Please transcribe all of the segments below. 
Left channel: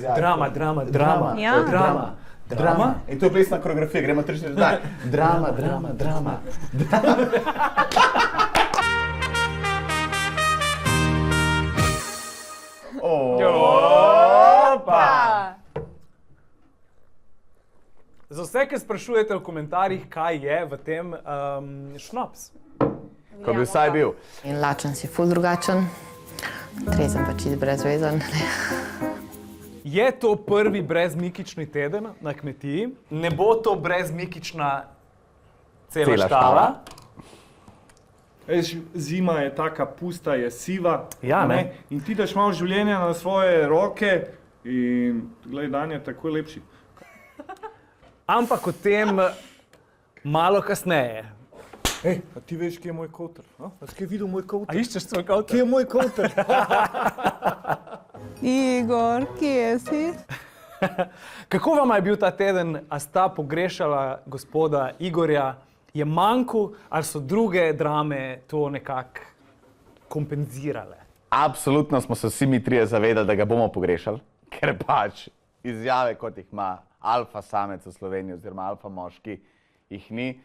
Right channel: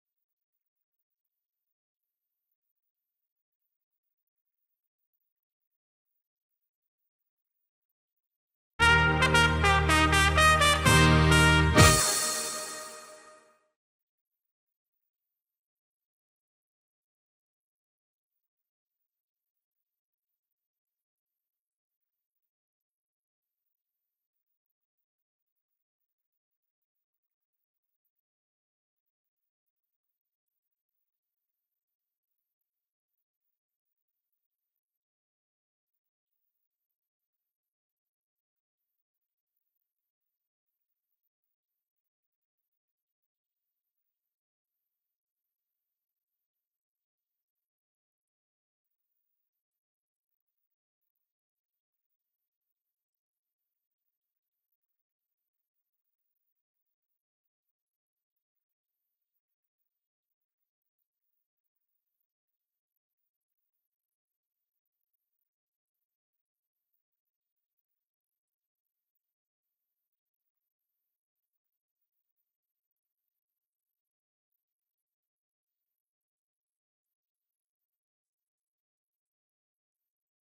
Drama. Ja. Drama. In to je plesna koreografija, gremo 3-4 zdaj. Drama. Opa! Za vse, ki sprašujete v komentarjih, kaj je v tem šnops. Ko bi vsaj bil. In lačen si ful drugačen, trezen pa čist brezvezen. Je to prvi brezmikični teden na kmetiji? Ne bo to brezmikična cela štala? Zima je taka pusta, je siva. Ja, ne? In ti daš malo življenja na svoje roke in glej, dan je tako lepši. Ampak o tem malo kasneje. Ej, a ti veš, kje je moj koter? A si videl moj A koter? iščeš svoj kavter? Kje je moj koter? Igor, kje si? Kako vam je bil ta teden? A sta pogrešala gospoda Igorja? Je manjkal ali so druge drame to nekako kompenzirale? Absolutno smo se vsi mi trije zavedali, da ga bomo pogrešali, ker pač izjave, kot jih ima alfa samec v Sloveniji oziroma alfa moški, jih ni.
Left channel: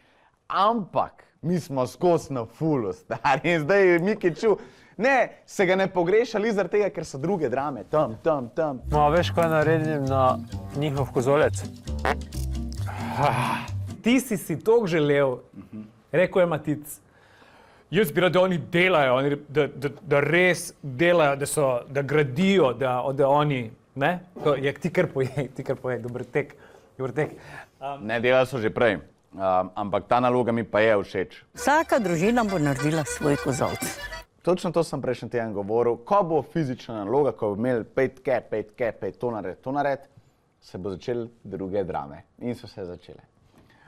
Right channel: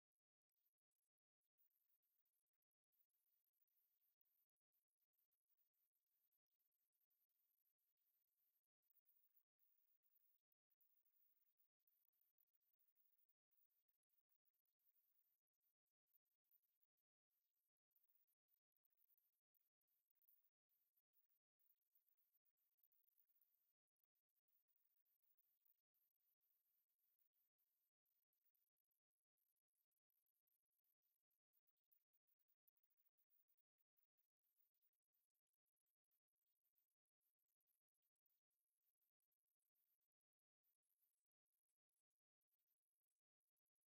Ampak mi smo skozi na fulu, stari, in zdaj je Miki čul. Ne, se ga ne pogrešali zaradi tega, ker so druge drame, tam. No, veš, kaj naredim na njihov kozolec? Ti si toliko želel, rekel je Matic, jaz bi rad, da oni delajo, da res delajo, da gradijo, da oni, ne? Ti kar povej, dober tek. Ne, delali so že prej, ampak ta naloga mi pa je všeč. Vsaka družina bo naredila svoj kozolc. Točno to sem prejšnji teden govoril, ko bo fizična naloga, ko bo imel pet, to nared, se bo začeli druge drame in so se začele.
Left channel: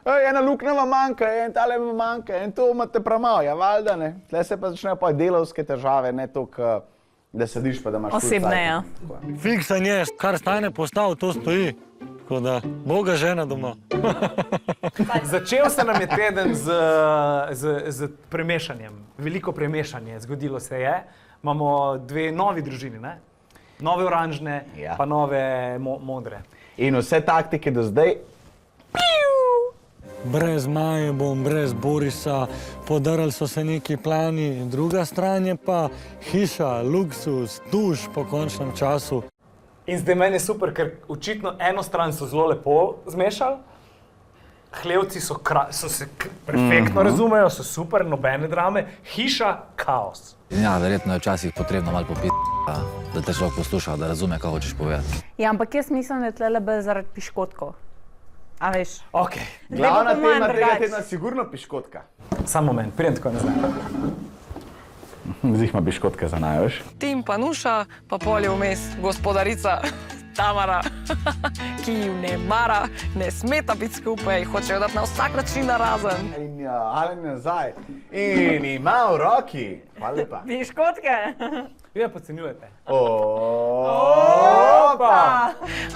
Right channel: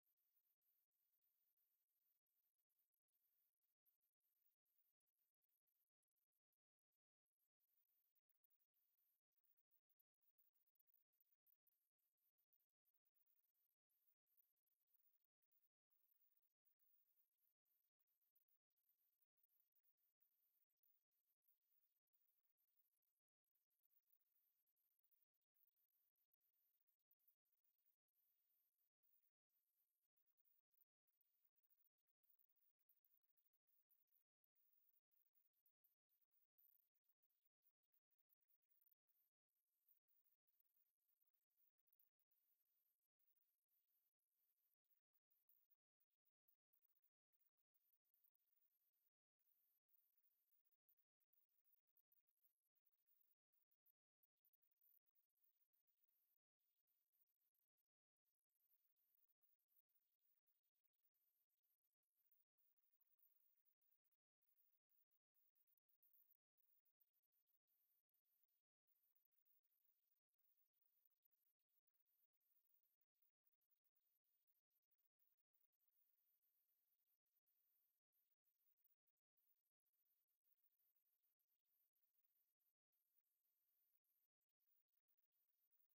Ena luknja vam manjka, en tale vam manjka, en to imate premalo, ja valjda, ne. Tle se pa začnejo pa delavske težave, ne toliko, da sediš pa da imaš Osebne, ja. Fiksan je, kar stane postav, to stoji. Tako da, Boga žena doma. Začel se nam je teden z premešanjem, veliko premešanje, zgodilo se je. Imamo dve novi družini, ne? Nove oranžne, Ja. pa nove modre. In vse taktike do zdaj, Brez Maje bom, brez Borisa, podarili so se neki plani, druga stran je pa hiša, luksus, duš po končnem času. In zdaj meni je super, ker očitno eno stran so zelo lepo zmešali, hlevci so se perfektno razumejo, so super, nobene drame, hiša, kaos. Ja, verjetno je včasih potrebno malo popiti, da te človek posluša, da razume, kaj hočeš povedati. Ja, ampak jaz mislim, da je tlele bolj zaradi piškotkov. A veš? Ok, glavna po mojem tema tega drugače. tedna sigurno piškotka. samo moment, pridem tako nazaj. Zdaj ima piškotke za naj, veš? Tim pa Nuša, pa polje vmes gospodarica Tamara, ki ju ne mara, ne smeta biti skupaj, hočejo dati na vsak način narazen. In ja, ali nazaj. In ima v roki. Hvala lepa. Piškotke? Vi me podcenjujete. Opa!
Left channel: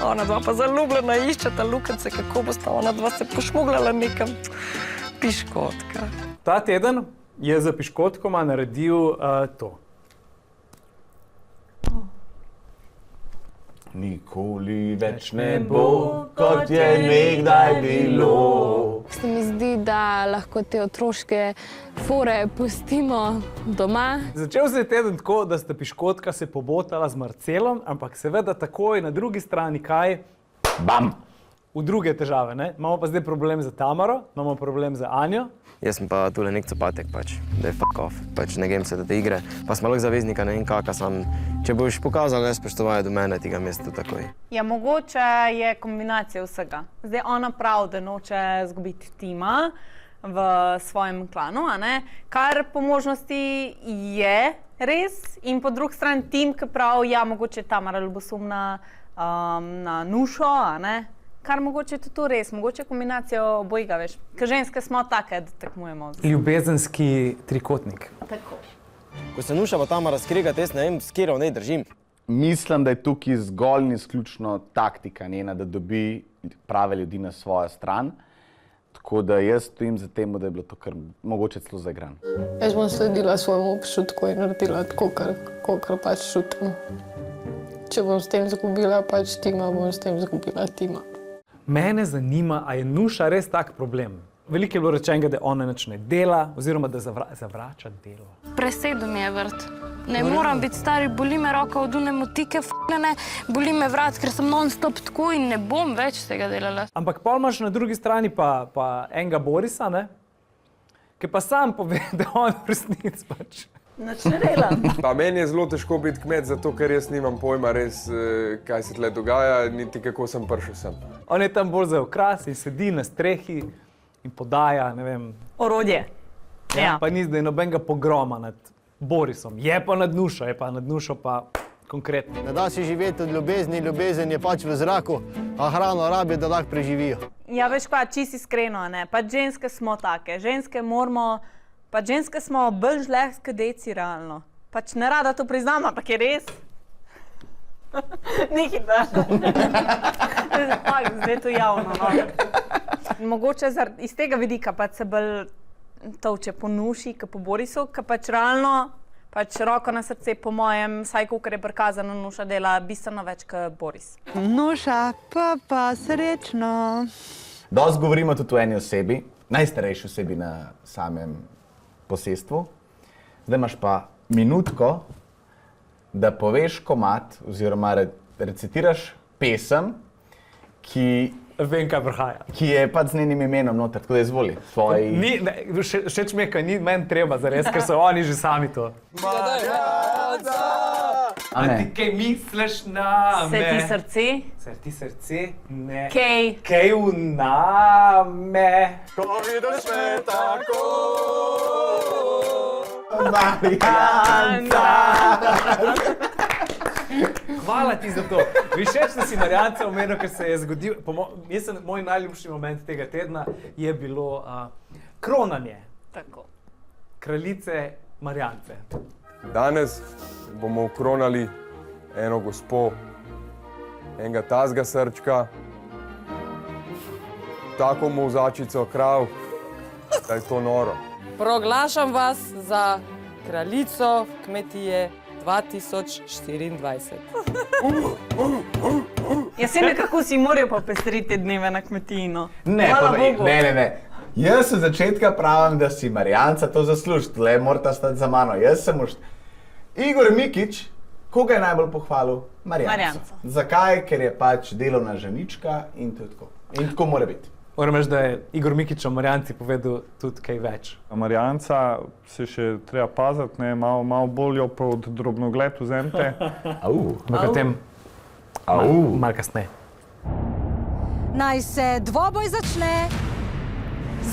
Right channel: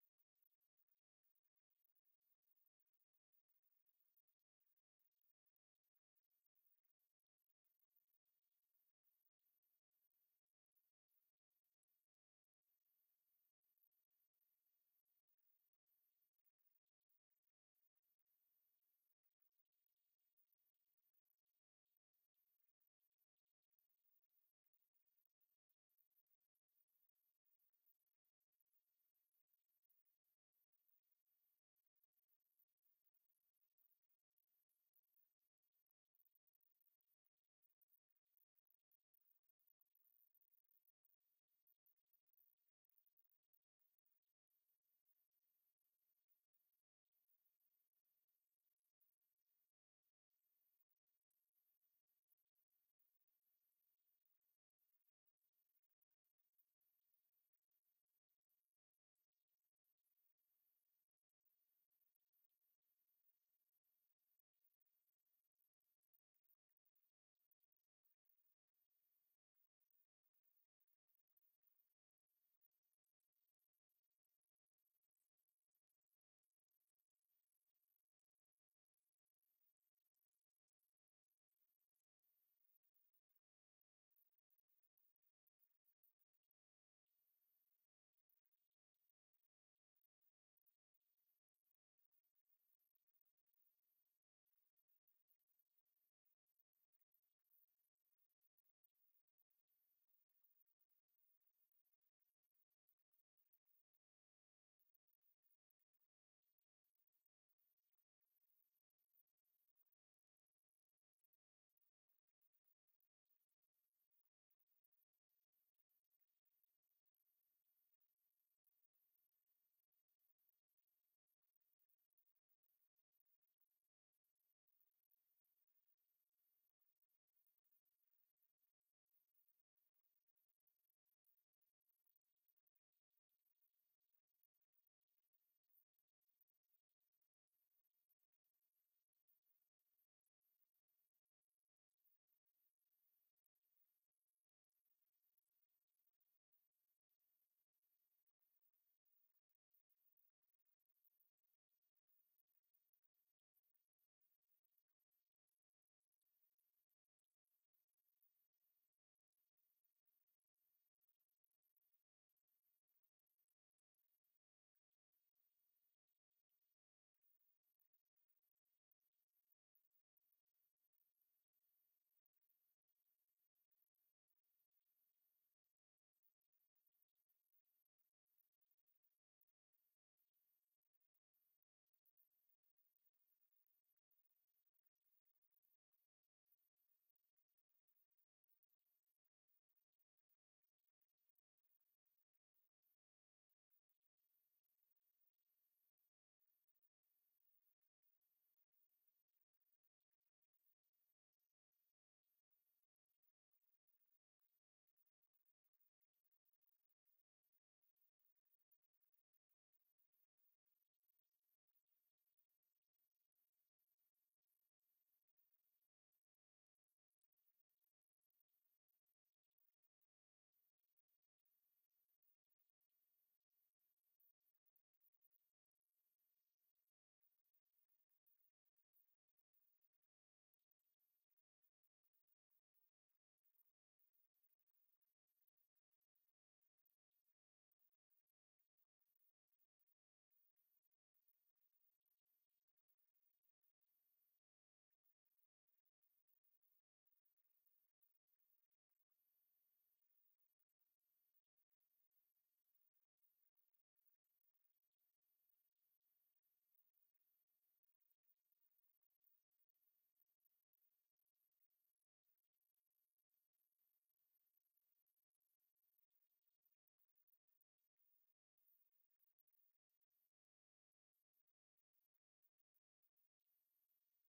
Ona dva pa zaljubljena iščeta lukence, kako bosta ona dva se pošmugljala nekam. Piškotka. Ta teden je za piškotkoma naredil to. Nikoli več ne bo, kot je nekdaj bilo. Se mi zdi, da lahko te otroške fore pustimo doma. Začel se je teden tako, da sta piškotka se pobotala z Marcelom, ampak seveda takoj na drugi strani kaj? Bam! V druge težave, ne? Imamo pa zdaj problem za Tamaro, imamo problem za Anjo. Jaz sem pa tule nek copatek, pač, da je fuck off, pač ne grem se da te igre, pa smo lahko zaveznika, ne vem kaka sam. Če boš pokazal nespoštovanje do mene, ti ga mesto takoj. Ja, mogoče je kombinacija vsega. Zdaj ona pravi, da noče zgubiti tima v svojem klanu, a ne? Kar po možnosti je res in po drugi strani tim, ki pravi, ja, mogoče je Tamara ljubosumna na Nušo, a ne? Kar mogoče je to res, mogoče je kombinacija obojega, veš. Ker ženske smo take, da tekmujemo. Ljubezenski trikotnik. Tako. Ko se Nuša pa Tamara skregata, jaz ne vem, s kjero ne držim. Mislim, da je tukaj zgolj in izključno taktika njena, da dobi prave ljudi na svojo stran. Tako da jaz stojim za tem, da je bilo to kar mogoče celo zaigran. Jaz bom sledila svojemu občutku in naredila tako, kar pač čutim. Če bom s tem izgubila pač tima, bom s tem izgubila tima. Mene zanima, a je Nuša res tak problem. Veliko je bilo rečenega, da ona nič ne dela, oziroma da zavrača delo. Presedo mi je vrt. Ne moram biti stari, boli me roka od une motike, f***ne, boli me vrat, ker sem non-stop tako in ne bom več tega delala. Ampak pol imaš na drugi strani pa enega Borisa, ne? Ki pa sam pove, da on v resnici pač. Nič ne delam. Pa meni je zelo težko biti kmet, zato ker jaz nimam pojma res, kaj se tle dogaja, niti kako sem prišel sem. On je tam bolj za okras in sedi na strehi in podaja, ne vem. Orodje. Ja. Pa ni zdaj nobenega pogroma nad Borisom. Je pa nad Nušo pa konkretno. Ne da si živeti od ljubezni, ljubezen je pač v zraku, a hrano rabi, da lahko preživijo. Ja, veš pa, čisto iskreno, ne? Pač ženske smo take. Ženske smo bolj žlehske deci, realno. Pač ne rada to priznam, ampak je res. Ni hitro. Zdaj je to javno, no. Mogoče iz tega vidika pač se bolj tolče po Nuši, kot po Borisu, ker pač realno, pač roko na srce, po mojem, vsaj kolikor je prikazano, Nuša dela bistveno več kot Boris. Nuša, pa srečno. Dosti govorimo tudi o eni osebi, najstarejši osebi na samem posestvu. Zdaj imaš pa minutko, da poveš komad oziroma recitiraš pesem, ki Vem, kaj prihaja. Ki je pač z njenim imenom noter, tako da izvoli. Všeč mi je, kaj ni meni treba zares, ker so oni že sami to. Marjanca! A ti kaj misliš name? Se ti srce? Se ti srce? Ne. Kaj? Kaj v name? Ko vidiš me tako, Marjanca! Hvala ti za to. Všeč, da si Marjanca omenil, ker se je zgodil. Moj najljubši moment tega tedna je bilo kronanje. Tako. Kraljice Marjance. Danes bomo kronali eno gospo, enega tazga srčka, tako molzačico krav, da je to noro. Proglašam vas za kraljico kmetije 2024. Jaz se nekako si morajo popestriti dneve na kmetiji, no. Ne. Jaz se začetka pravim, da si Marjanca to zasluži, tle morata stati za mano. Jaz sem Igor Mikić, koga je najbolj pohvalil? Marjanca. Zakaj? Ker je pač delovna ženička in tako. In tako mora biti. Moram reči, da je Igor Mikić o Marjanci povedal tudi kaj več. Marjanca se še treba paziti, malo bolj jo pod drobnogled vzemite. V katem? Malo kasneje. Naj se dvoboj začne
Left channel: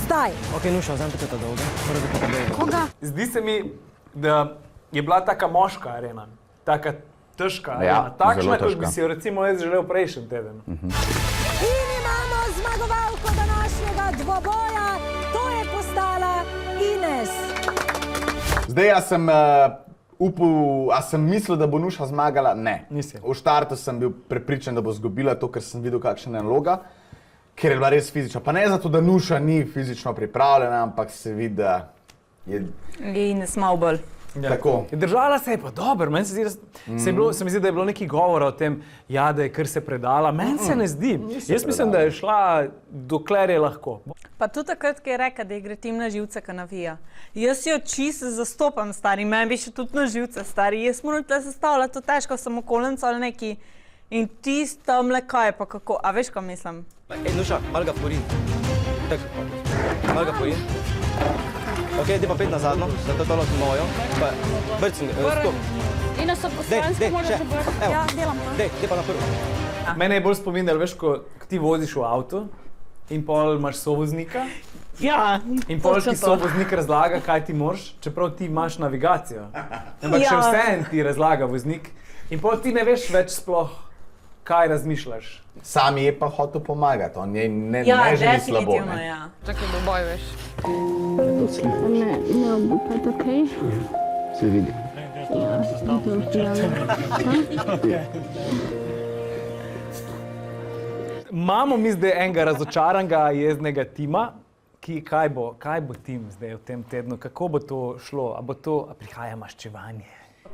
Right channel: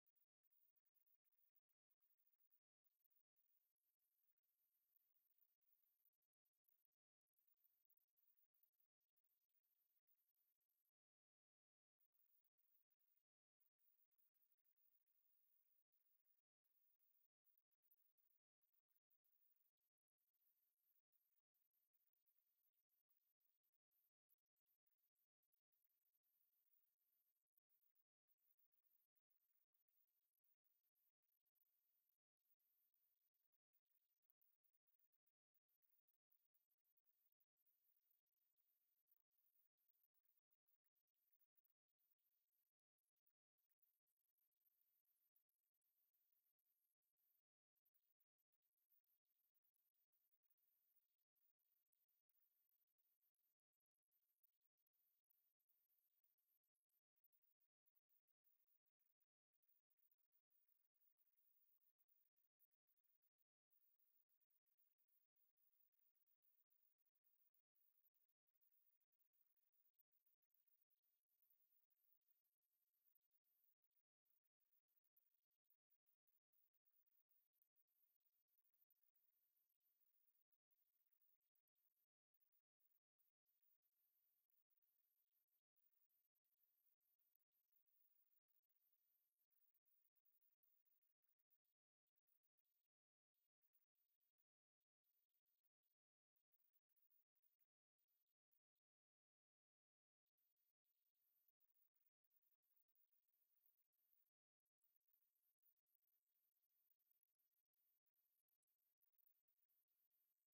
zdaj. Ok, Nuša, vzemite to dolgo. Koga? Zdi se mi, da je bila taka moška arena, taka težka Ja, arena, takšna, zelo kot bi težka. si jo recimo jaz želel prejšnji teden. In imamo zmagovalko današnjega dvoboja, to je postala Ines. Zdaj, jaz sem upal, a sem mislil, da bo Nuša zmagala? Ne. Nisi. V štartu sem bil prepričan, da bo izgubila to, ker sem videl, kakšna je naloga, ker je bila res fizična. Pa ne zato, da Nuša ni fizično pripravljena, ampak se vidi, da je Ines malo bolj. tako. Držala se je pa dobro, meni se mi zdi, da je bilo nekaj govora o tem, ja, da je kar se predala. Meni se ne zdi. Jaz mislim, da je šla dokler je lahko. Pa tudi takrat, ko je rekla, da ji gre tim na živce, ko navija. Jaz jo čisto zastopam, stari, meni bi še tudi na živce, stari. Jaz moram tle sestavljati, to težko, sem okolenca ali neki. In tisto mleka je pa kako, a veš, kaj mislim? Ej, Nuša, malo ga porin. Tako, malo ga porin. Ok, ti pa pet na zadnjo, da to tolo mojo. Pa brcni, stop. In so poslansko moraš obrati. Ja, delam to. Dej pa na prvo. Mene je bolj spominjalo, veš, ko ti voziš v avtu in pol imaš sovoznika. Ja, In pol ti sovoznik razlaga, kaj ti moraš, čeprav ti imaš navigacijo. Ampak še vseeno ti razlaga voznik. In pol ti ne veš več sploh, kaj razmišljaš. Sam je pa hotel pomagati, on je ne ja, želi slabo. definitivno, ja. Čakaj, bo boj, veš. Ne, bo pa okej. Se vidi. Imamo mi zdaj enega razočaranega, jeznega tima, kaj bo tim zdaj v tem tednu, kako bo to šlo, a prihaja maščevanje?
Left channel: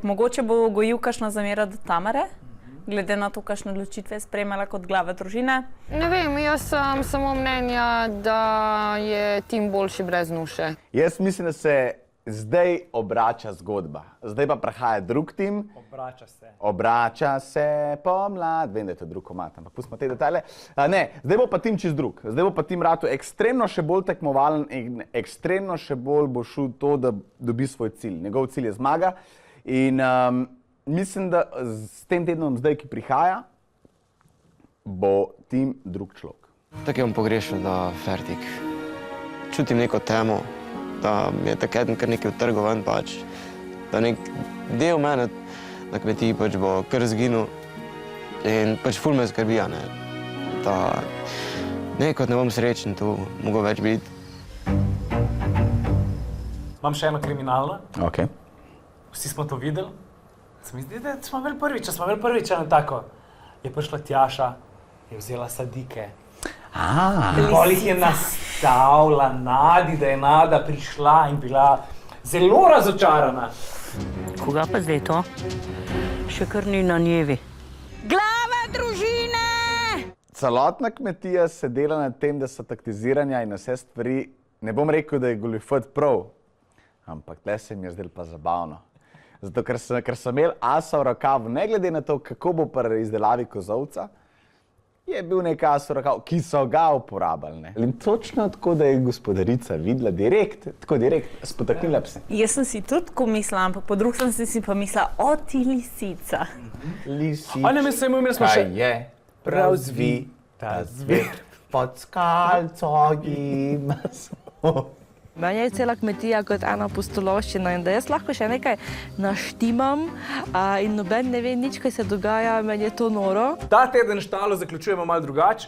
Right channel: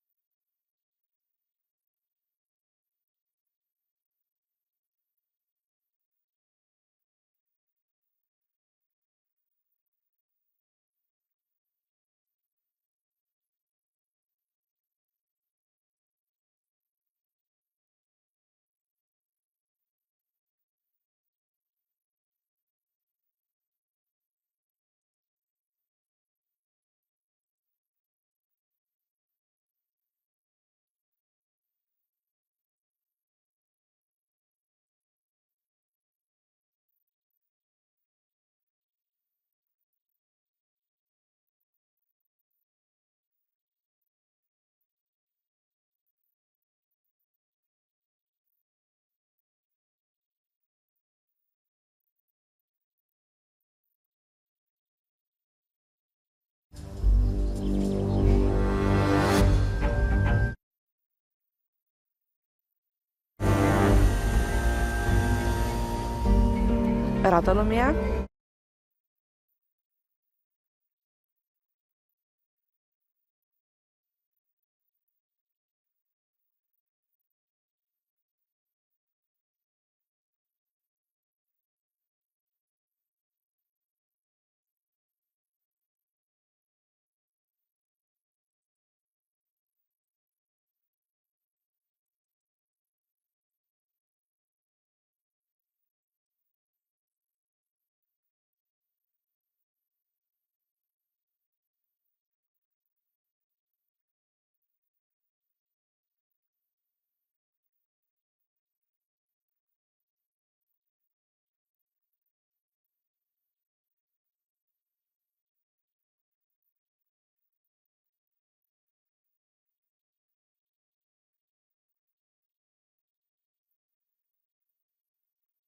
Mogoče bo gojil kakšno zamero do Tamare, glede na to, kakšne odločitve je sprejemala kot glava družine? Ne vem, jaz sem samo mnenja, da je tim boljši brez Nuše. Jaz mislim, da se zdaj obrača zgodba. Zdaj pa prihaja drug tim. Obrača se pomlad. Vem, da je to drug komad, ampak pustimo te detajle. Ne, zdaj bo pa tim čist drug. Zdaj bo pa tim ratu ekstremno še bolj tekmovalen in ekstremno še bolj bo šel to, da dobi svoj cilj. Njegov cilj je zmaga in mislim, da s tem tednom zdaj, ki prihaja, bo tim drug človek. Tako je on pogrešal, da fertik. Čutim neko temo, da mi je takrat kar nekaj utrgal ven pač. Da nek del mene na kmetiji pač bo kar zginil in pač ful me skrbi, ne. Da nekot ne bom srečen tu, mogo več biti. Imam še eno kriminalno. Ok. Ste to videli? Se mi zdi, da smo imeli prvič eno tako. Boš Matjaša, ki je vzela sadnike. Pol jih je nastavila Nadi, da je Nada prišla in bila zelo razočarana. Koga pa zdaj to? Še kar ni na njevi. Glava družine! Celotna kmetija se dela na tem, da so taktiziranja in vse stvari, ne bom rekel, da je goljufat prav, ampak tle se mi je zdelo pa zabavno. Zato, ker sem imel asa v rokavu, ne glede na to, kako bo pri izdelavi kozovca, je bil nek as v rokavu, ki so ga uporabljali. In točno tako, da je gospodarica videla direkt, spotaknila pse. Jaz sem si tudi tako mislila, ampak po drugi sem si pa mislila, o ti lisica. Lisička je prav zvita zver, pod skalco ima smo. Meni je cela kmetija kot ena pustolovščina in da jaz lahko še nekaj naštimam in noben ne ve nič, kaj se dogaja, meni je to noro. Ta teden štalo zaključujemo malo drugače,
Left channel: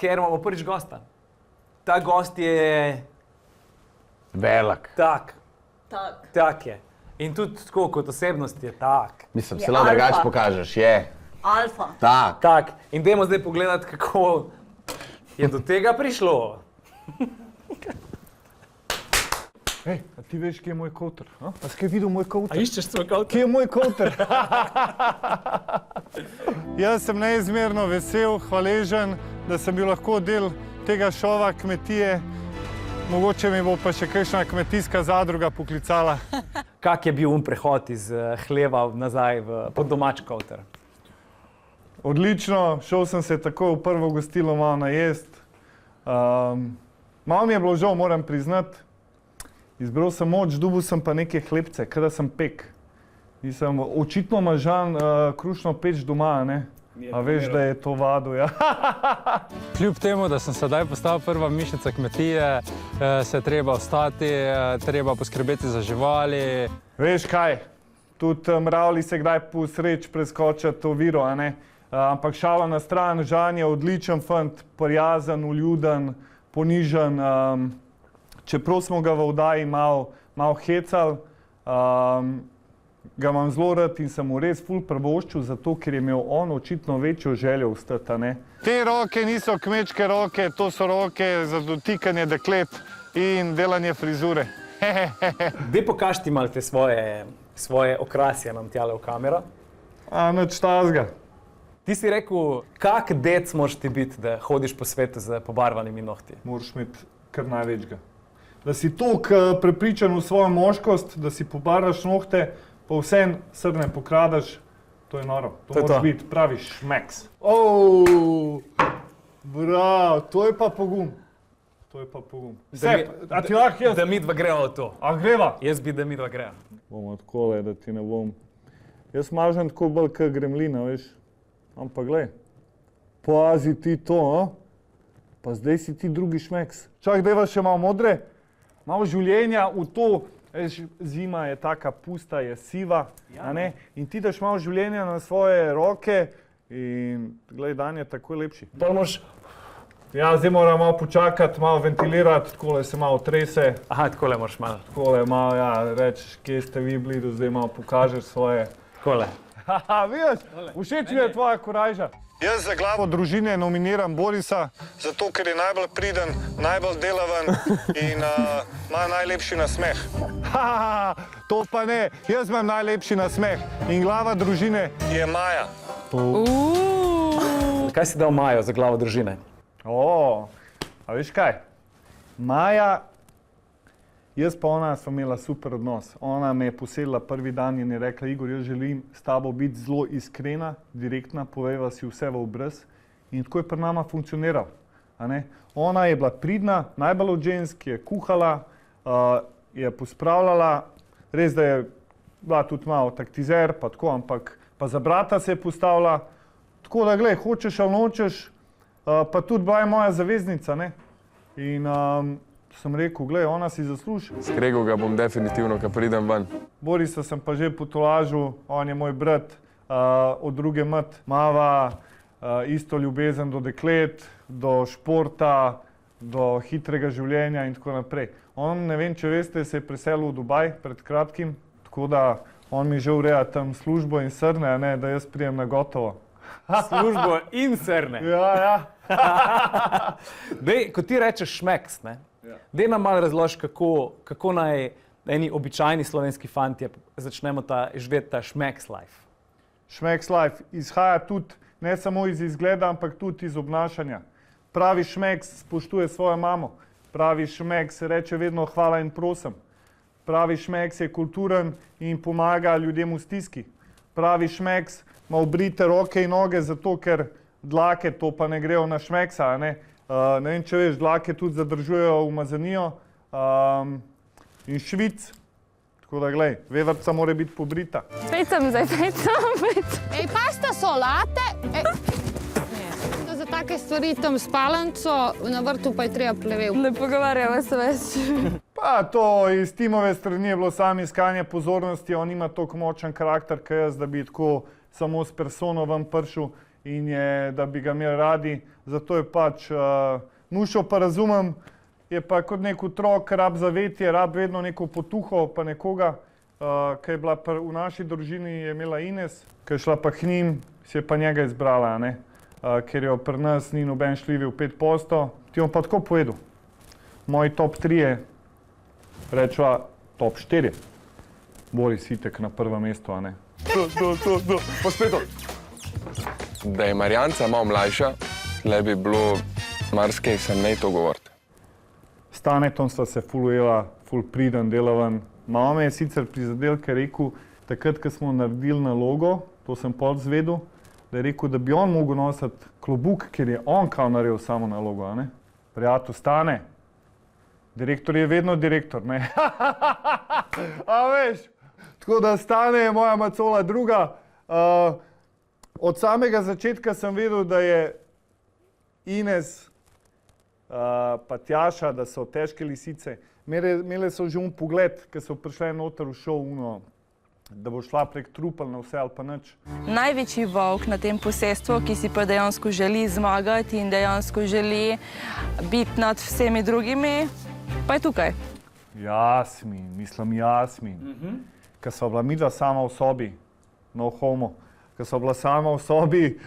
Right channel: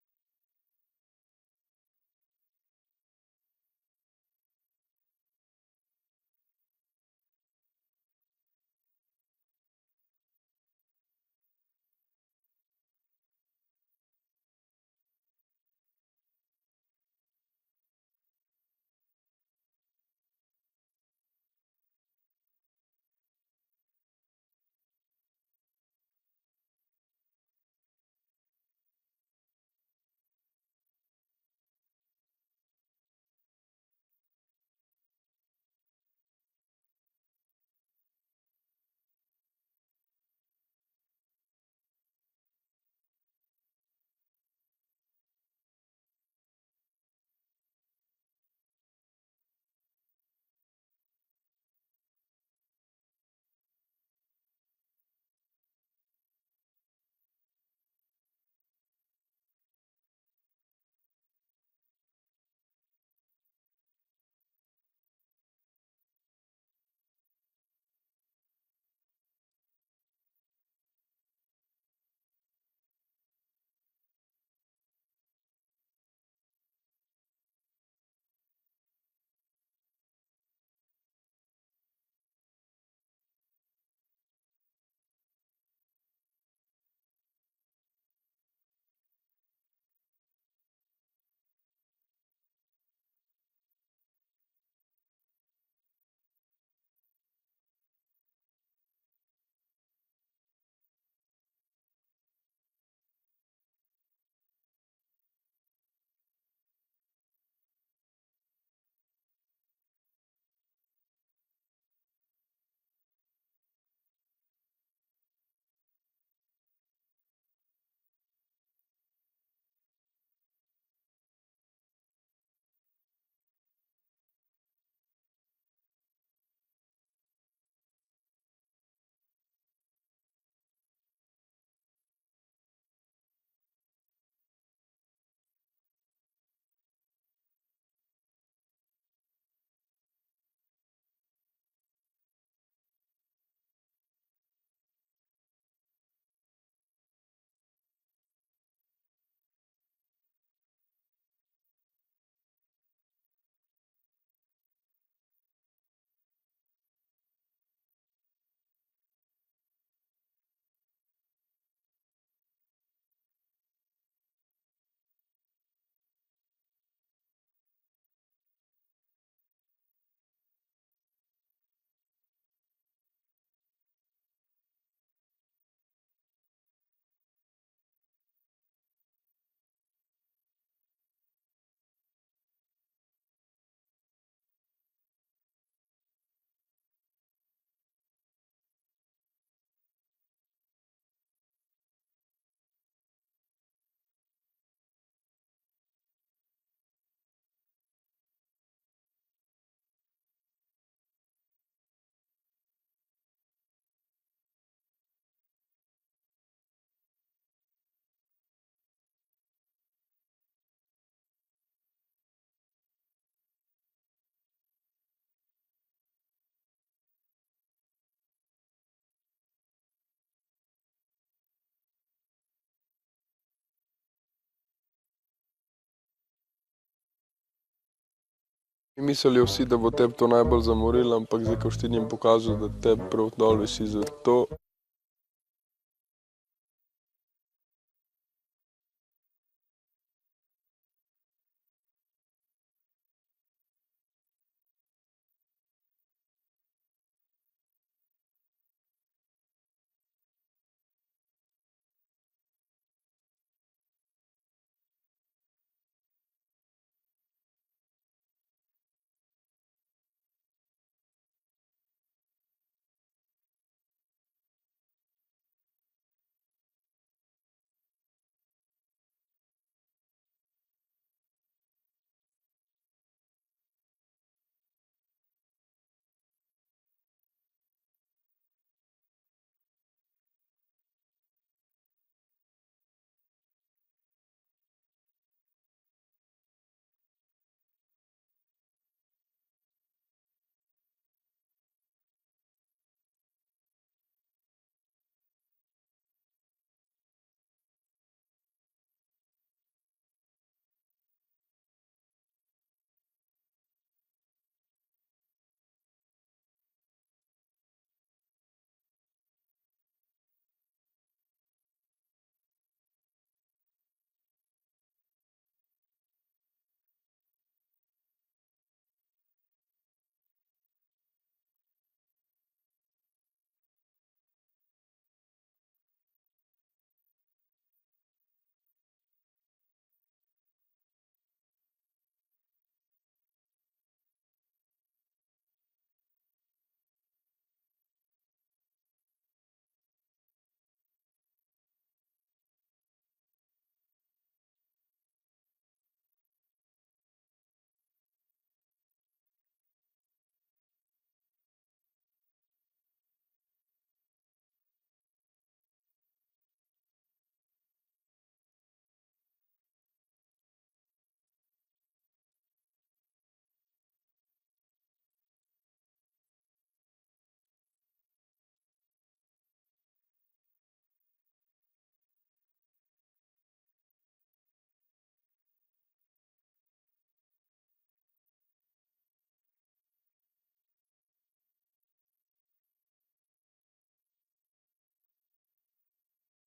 ker imamo prvič gosta. Ta gost je... Velik. Tak je. In tudi tako kot osebnost je tak. Mislim, se lahko drugače pokažeš, je. Alfa. Tak. In dajmo zdaj pogledati, kako je do tega prišlo. Ej, a ti veš, kje je moj koter? A si kaj videl moj koter? A iščeš svoj koter? Kje je moj koter? Jaz sem neizmerno vesel, hvaležen, da sem bil lahko del tega šova kmetije. Mogoče mi bo pa še kakšna kmetijska zadruga poklicala. Kak je bil prehod iz hleva nazaj pod domač koter? Odlično, šel sem se takoj v prvo gostilo malo najest. Malo mi je bilo žal, moram priznati. Izbral sem moč, dobil sem pa neke hlebce, kada sem pek. Nisem očitno mažan krušno peč doma, ne? A veš, da je to vado, ja. Kljub temu, da sem sedaj postal prva mišnica kmetije, se je treba ostati, treba poskrbeti za živali. Veš kaj, tudi mravlji se kdaj po sreč preskočati oviro, a ne? Ampak šala na stran, Žan je odličen fant, prijazen, uljuden, ponižen. Čeprav smo ga v oddaji malo hecali, ga imam zelo rad in sem mu res ful privoščil, zato ker je imel on očitno večjo željo vstati, ne? Te roke niso kmečke roke, to so roke za dotikanje deklet in delanje frizure. Dej pokaži ti malo te svoje okrasje nam tjale v kamero. Nič tazga. Ti si rekel, kak dec moraš ti biti, da hodiš po svetu z pobarvanimi nohti? Moraš imeti kar največga. Da si toliko prepričan v svojo moškost, da si pobaraš nohte, pa vsem srne pokradaš, to je noro. To moraš biti pravi šmeks. Bravo, to je pa pogum. A ti lahko jaz? Da midva greva v to. A greva? Jaz bi, da midva greva. Bomo takole, da ti ne bom. Jaz mažem tako bolj kot gremlina, veš. Ampak glej, pazi ti to, pa zdaj si ti drugi šmeks. Čak, dajva še malo modre. Malo življenja v to, zima je taka pusta, je siva, a ne? In ti daš malo življenja na svoje roke in glej, dan je takoj lepši. Ja, zdaj moram malo počakati, malo ventilirati, takole se malo trese. Aha, takole moraš malo. Takole malo, ja, reč, kje ste vi bili, da zdaj malo pokažeš svoje. Takole. Haha, vidiš, všeč mi je tvoja korajža. Jaz za glavo družine nominiram Borisa, zato ker je najbolj priden, najbolj delaven in ima najlepši nasmeh. To pa ne, jaz imam najlepši nasmeh in glava družine je Maja. Kaj si dal Majo za glavo družine? A veš kaj? Maja, jaz pa ona sva imela super odnos. Ona me je poselila prvi dan in je rekla, Igor, jaz želim s tabo biti zelo iskrena, direktna, povejva si vse v obraz. In tako je pri nama funkcioniral. Ona je bila pridna, najbolj od žensk, je kuhala, je pospravljala, res da je bila tudi malo taktizer, pa tako, ampak pa za brata se je postavila. Tako da, glej, hočeš ali nočeš, pa tudi bila je moja zaveznica, ne? In sem rekel, glej, ona si zasluži. Skregal ga bom definitivno, ko pridem ven. Borisa sem pa že potolažil, on je moj brat, od druge mat, mava isto ljubezen do deklet, do športa, do hitrega življenja in tako naprej. On, ne vem, če veste, da bo te to najbolj zamorilo, ampak zdaj, ko ti njim pokažu, da on mi že ureja tam službo in srne, ne, da jaz prijem na gotovo. Službo in srne. Ja. Dej, ko ti rečeš šmeks, ne? Dej nam malo razloži, kako naj eni običajni slovenski fantje začnemo živeti ta šmeks life. Šmeks life izhaja tudi ne samo iz izgleda, ampak tudi iz obnašanja. Pravi šmeks spoštuje svojo mamo. Pravi šmeks reče vedno hvala in prosim. Pravi šmeks je kulturen in pomaga ljudem v stiski. Pravi šmeks ima obrite roke in noge, zato ker dlake to pa ne grejo na šmeksa. Ne vem, če veš, dlake tudi zadržujejo umazanijo in švic. Tako da, glej, vevrca mora biti pobrita. Spet sem zdaj, Ej, pasta solate. Za take stvari tam spalanco, na vrtu pa je treba plevel. Ne pogovarjamo se več. Pa to iz Timove strani je bilo samo iskanje pozornosti, on ima toliko močen karakter, kot jaz, da bi tako samo s persono ven prišel in da bi ga imeli radi. Zato je pač, Nušo pa razumem, je pa kot nek otrok, rab zavetje, rab vedno neko potuho, pa nekoga, ki je bila v naši družini, je imela Ines, ki je šla pa k njim, si je pa njega izbrala, ne? Ker jo pri nas ni noben šljivil 5%. Ti bom pa tako povedal. Moji top 3 je, rečva top 4. Boris Itek na prvem mestu, a ne? Pospeto. Da je Marjanca malo mlajša, le bi bilo marsikaj se ne to govoriti. S Tanetom sva se ful ujela, ful priden, delavan. Mama me je sicer prizadel, ker je rekel, takrat, ko smo naredili nalogo, to sem pol zvedel, da je rekel, da bi on mogel nositi klobuk, ker je on kao naredil samo nalogo, a ne? Prijatelj, Stane, direktor je vedno direktor, ne? A veš? Tako da Stane je moja macola druga. Od samega začetka sem vedel, da je Ines pa Tjaša, da so težke lisice. Imele so že pogled, ko so prišle noter v šov, da bo šla prek trupel na vse ali pa nič. Največji volk na tem posestvu, ki si pa dejansko želi zmagati in dejansko želi biti nad vsemi drugimi, pa je tukaj. Jasmin. Ko sva bila midva sama v sobi, no homo, ko sva bila sama v sobi,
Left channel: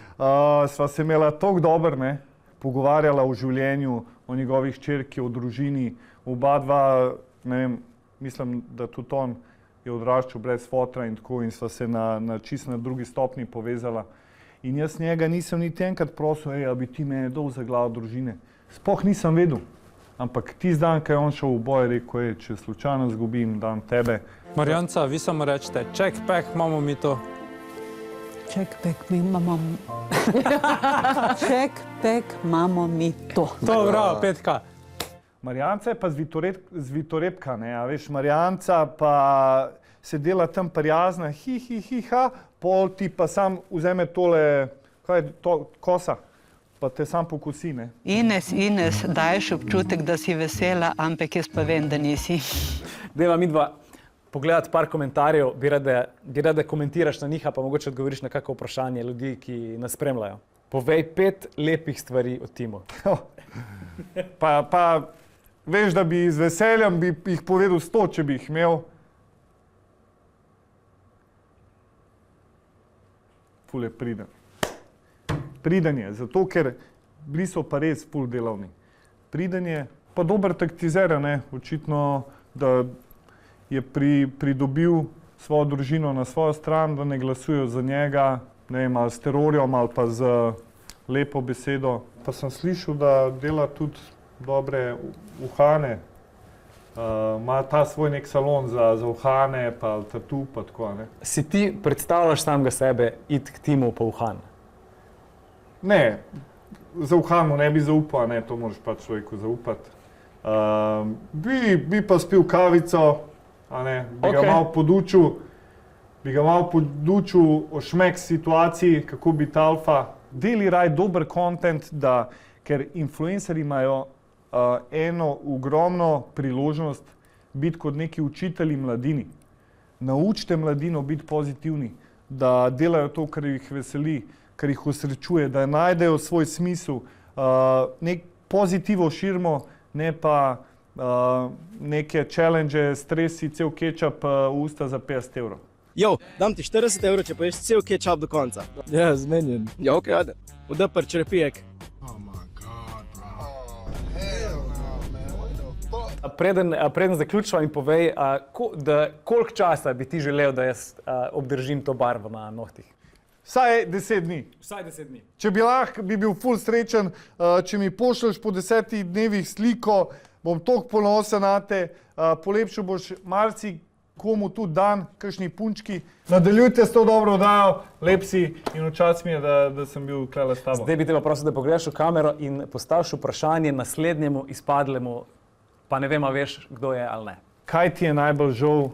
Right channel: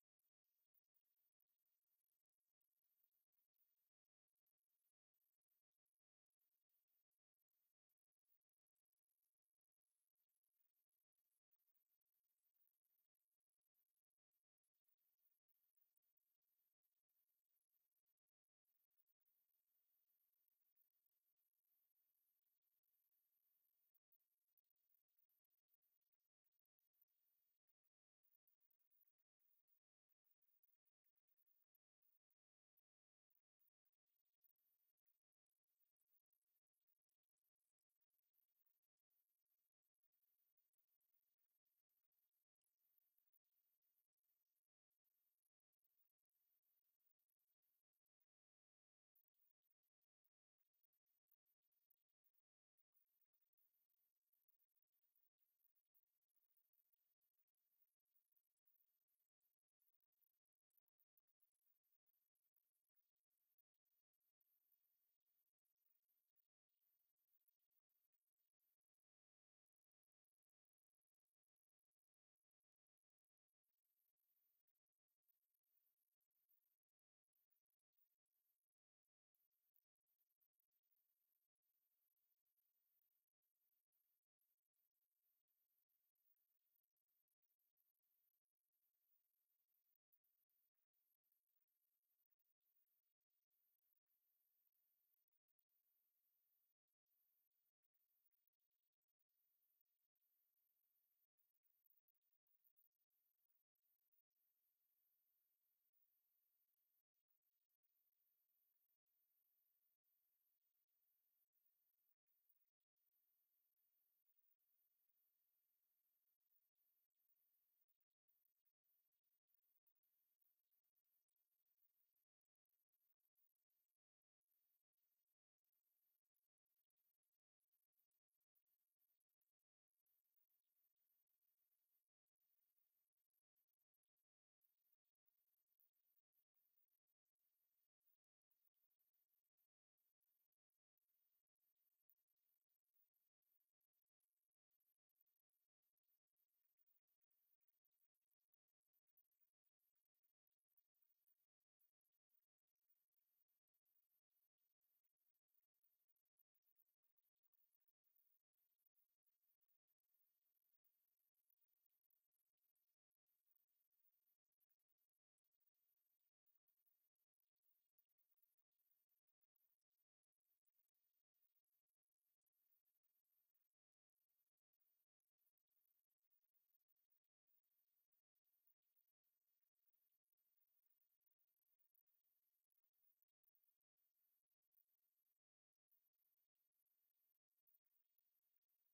sva se imela toliko dobro, ne? Pogovarjala o življenju, o njegovih hčerki, o družini. Oba dva, ne vem, mislim, da tudi on je odraščal brez fotra in tako in sva se čisto na drugi stopni povezala. In jaz njega nisem niti enkrat prosil, a bi ti mene dol za glavo družine. Sploh nisem vedel. Ampak tisti dan, ko je on šel v boj, rekel, če slučajno zgubim, dam tebe. Marjanca, vi samo rečete, check pack, imamo mi to. Check pack, imamo Check pack, imamo mi to. To, bravo, Petka. Marjanca je pa zvitorepka, ne, a veš, Marjanca pa se dela tam prijazna, ha, pol ti pa sam vzeme tole, kaj je to, kosa, pa te sam pokosi, ne. Ines, daješ občutek, da si vesela, ampak jaz pa vem, da nisi. Deva midva pogledati par komentarjev, bi rade komentiraš na njih, pa mogoče odgovoriš na kakšno vprašanje ljudi, ki nas spremljajo. Povej 5 lepih stvari o Timu. Pa veš, da bi z veseljem bi jih povedal 100, če bi jih imel. Ful je priden. Priden je, zato ker bili so pa res ful delavni. Priden je, pa dober taktizer, ne, očitno, da je pridobil svojo družino na svojo stran, da ne glasujejo za njega, ne vem, ali s terorjem ali pa z lepo besedo. Pa sem slišal, da dela tudi dobre uhane. Ima ta svoj nek salon za uhane, pa tatu, pa tako, ne. Si ti predstavljaš samega sebe iti k Timu po uhan? Ne, za uhanu ne bi zaupal, ne, to moraš pač človeku zaupati. Bi pa spil kavico, a ne, bi ga malo podučil o šmek situaciji, kako biti alfa. Deli raj dober content, ker influencerji imajo eno ogromno priložnost biti kot neki učitelji mladini. Naučite mladino biti pozitivni, da delajo to, kar jih veseli, kar jih osrečuje, da najdejo svoj smisel, nek pozitivo širimo, ne pa neke challenge, stresi, cel kečap v usta za 50 evrov. Jo, dam ti 40 evrov, če poješ cel kečap do konca. Ja, zmenjen. Ja, okej, ajde. Udapr črepijek. Preden zaključiva in povej, koliko časa bi ti želel, da jaz obdržim to barvo na nohtih? Vsaj 10 dni. Vsaj 10 dni. Če bi lahko, bi bil ful srečen, če mi pošlješ po 10 dnevih sliko, bom toliko ponosen nate, polepšal boš komu tudi dan, kakšni punčki. Nadaljujte s to dobro oddajo, lep si in včas mi je, da sem bil tukaj s tabo. Zdaj bi te pa prosil, da pogledaš v kamero in postaviš vprašanje naslednjemu izpadlemu, pa ne vem, a veš, kdo je ali ne. Kaj ti je najbolj žal,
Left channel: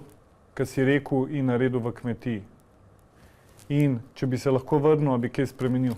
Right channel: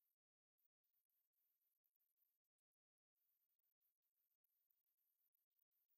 kar si rekel in naredil v kmetiji? In če bi se lahko vrnil, bi kaj spremenil?